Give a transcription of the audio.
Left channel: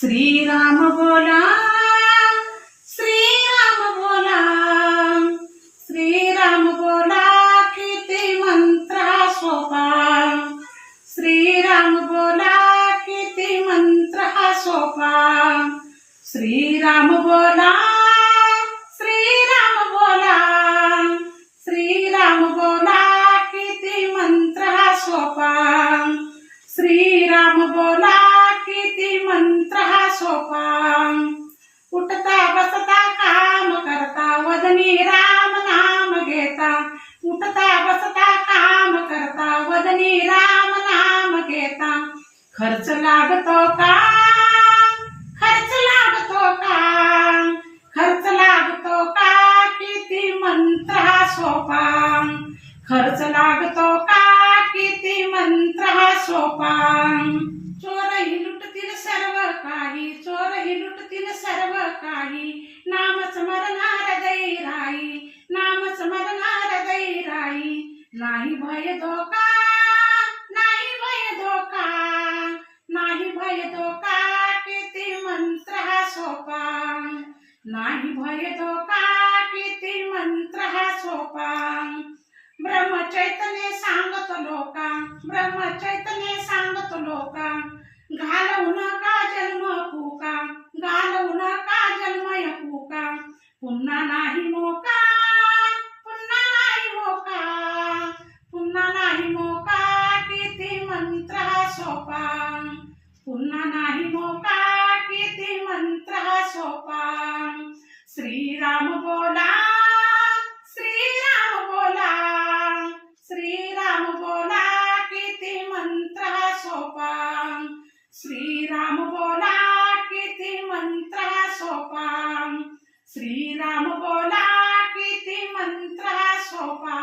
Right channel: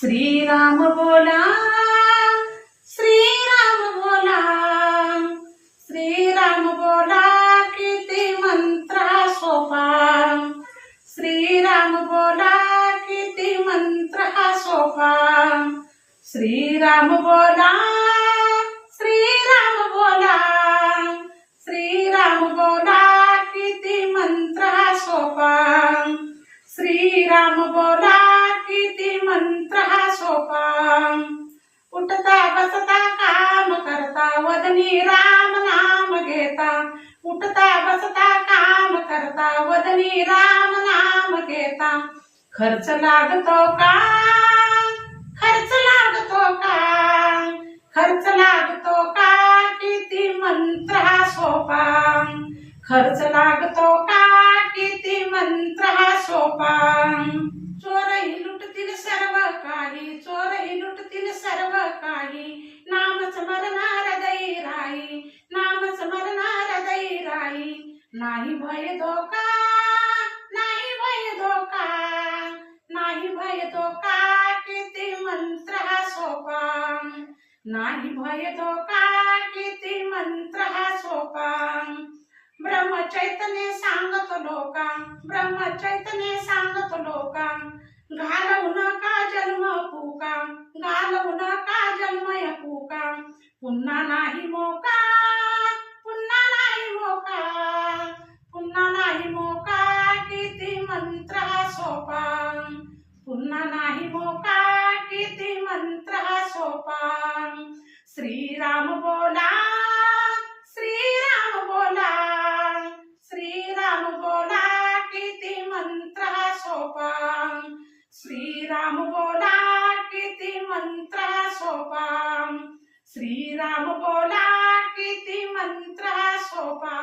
श्रीराम बोला, श्रीराम बोला, श्रीराम बोला, किती मंत्र सोपा. श्रीराम बोला, किती मंत्र सोपा. श्रीराम बोला, श्रीराम बोला, श्रीराम बोला, किती मंत्र सोपा. श्रीराम बोला, किती मंत्र सोपा. उठता बसता काम करता वदनी राम नाम घेता. उठता बसता काम करता वदनी राम नाम घेता. खर्च लागतो का, खर्च लागतो का, खर्च लागतो का, किती मंत्र सोपा. खर्च लागतो का, किती मंत्र सोपा. चोरही लुटतील सर्व काही, चोरही लुटतील सर्व काही. नाम स्मरणार दैराई, नाम स्मरणार दैराई. नाही भय धोका, नाही भय धोका, नाही भय धोका, किती मंत्र सोपा. नाही भय धोका, किती मंत्र सोपा. ब्रह्मचैतन्य सांगतो लोका, ब्रह्मचैतन्य सांगतो लोका. घालवू नका जन्म पुका, घालवू नका जन्म पुका. पुन्हा नाही मोका, पुन्हा नाही मोका, पुन्हा नाही मोका, किती मंत्र सोपा. पुन्हा नाही मोका, किती मंत्र सोपा. श्रीराम बोला, श्रीराम बोला, श्रीराम बोला, किती मंत्र सोपा. श्रीराम बोला, किती मंत्र सोपा. श्रीराम बोला, किती मंत्र सोपा.